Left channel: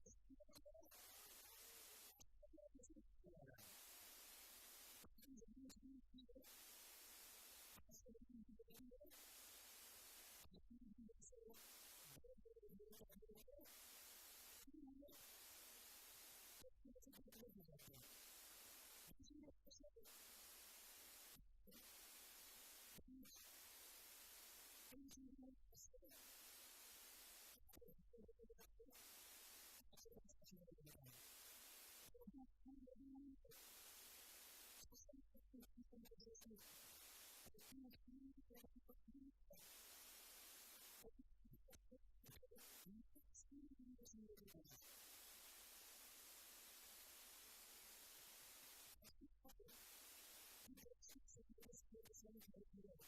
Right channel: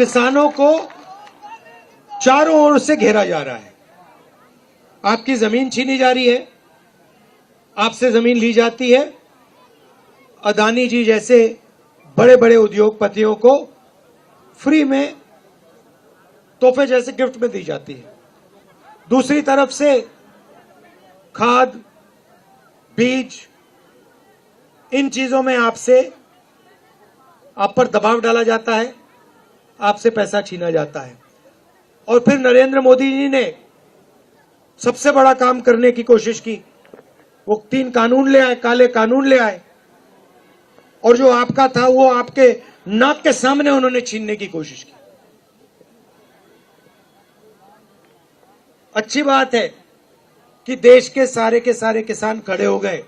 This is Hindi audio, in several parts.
किसानों को चारों ओर से घेरा जा रहा है। आपकी जमीन छीनी जा रही है, आपसे जमीन ली जाती है। अदानी जी जैसे बड़े बड़े उद्योगपतियों को फ्री में तोहफे जैसे गिफ्ट में दी जाती है। दूसरी तरफ से खाद, बीज, इन चीजों में आप पर दबाव डाला जाता है, आपसे पैसा छीना जाता है। और फिर नरेंद्र मोदी जी ने सबसे बड़ा काम करने की कोशिश की। वो 3 कानून ले आए, काले कानून ले आए, और जो आपका था वो आपके नाक के सामने उन्होंने छीनने की कोशिश की। अच्छी बात है कि देश के सारे किसान खड़े हो गए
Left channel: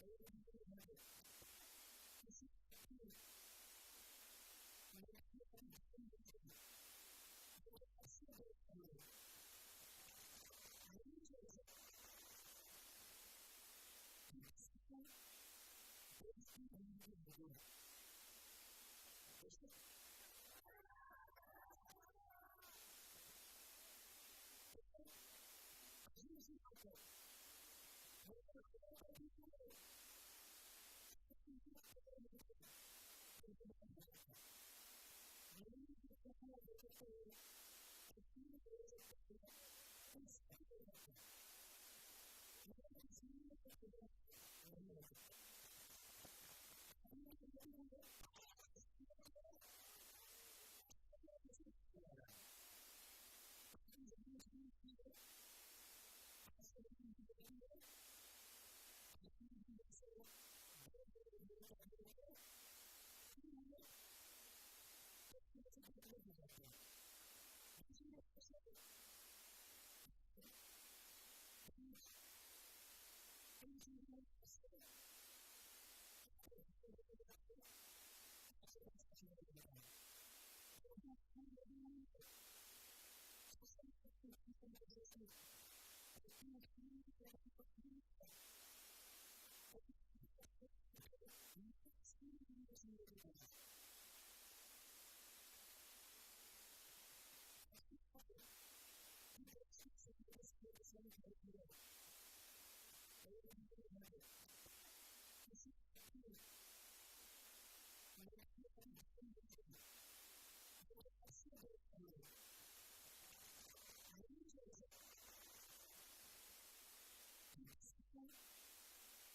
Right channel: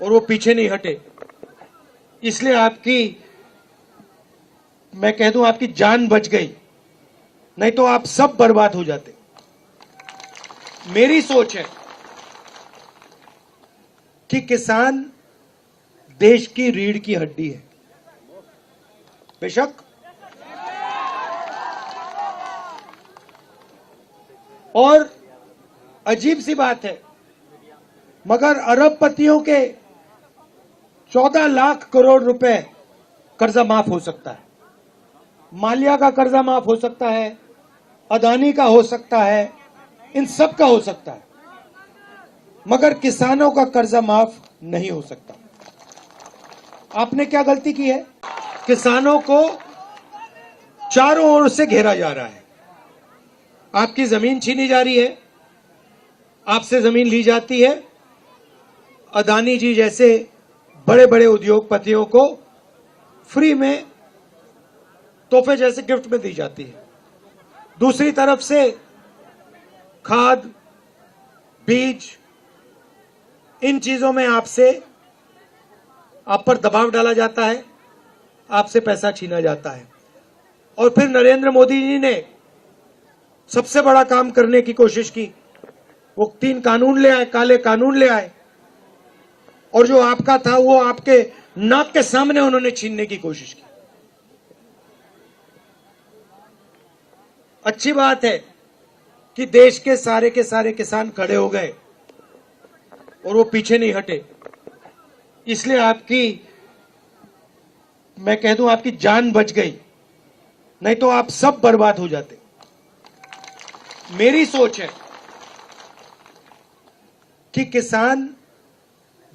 और वो पीछे नहीं हटे। इसलिए मैं कह दूं, आपकी जान बच गई, नहीं तो आप सब बर्बाद हो जाते। मेरी सोच है कि किसान देश की रीढ़ की हड्डी है। बेशक और अजीब सी बात है, मगर अरबपतियों के 14 लाख करोड़ रुपए कर्जा माफ हो सकता है। माल्या का कर्जा माफ हो सकता है, अदानी का हो सकता है, इन सब का हो सकता है, मगर किसानों का कर्जा माफ नहीं हो सकता। आपने क्या गलती की है? किसानों को चारों ओर से घेरा जा रहा है। आपकी जमीन छीनी जा रही है, आपसे जमीन ली जाती है। अदानी जी जैसे बड़े बड़े उद्योगपतियों को फ्री में तोहफे जैसे गिफ्ट में दी जाती है। दूसरी तरफ से खाद, बीज, इन चीजों में आप पर दबाव डाला जाता है, आपसे पैसा छीना जाता है। और फिर नरेंद्र मोदी जी ने सबसे बड़ा काम करने की कोशिश की। वो 3 कानून ले आए, काले कानून ले आए, और जो आपका था वो आपके नाक के सामने उन्होंने छीनने की कोशिश की। अच्छी बात है कि देश के सारे किसान खड़े हो गए और वो पीछे नहीं हटे। इसलिए मैं कह दूं, आपकी जान बच गई, नहीं तो आप सब बर्बाद हो जाते। मेरी सोच है कि किसान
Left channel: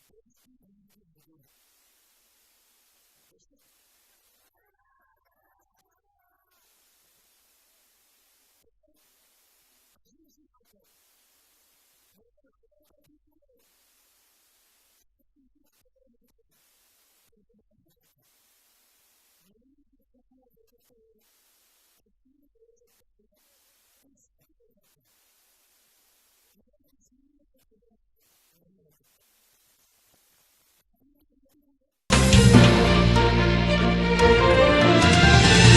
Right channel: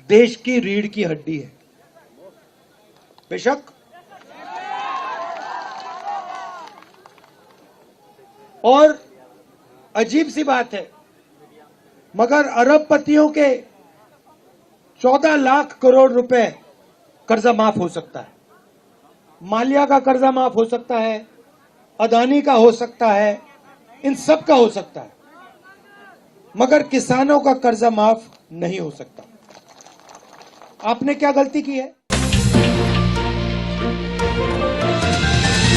देश की रीढ़ की हड्डी है। बेशक और अजीब सी बात है, मगर अरबपतियों के 14 लाख करोड़ रुपए कर्जा माफ हो सकता है। माल्या का कर्जा माफ हो सकता है, अदानी का हो सकता है, इन सब का हो सकता है, मगर किसानों का कर्जा माफ नहीं हो सकता। आपने क्या गलती की है?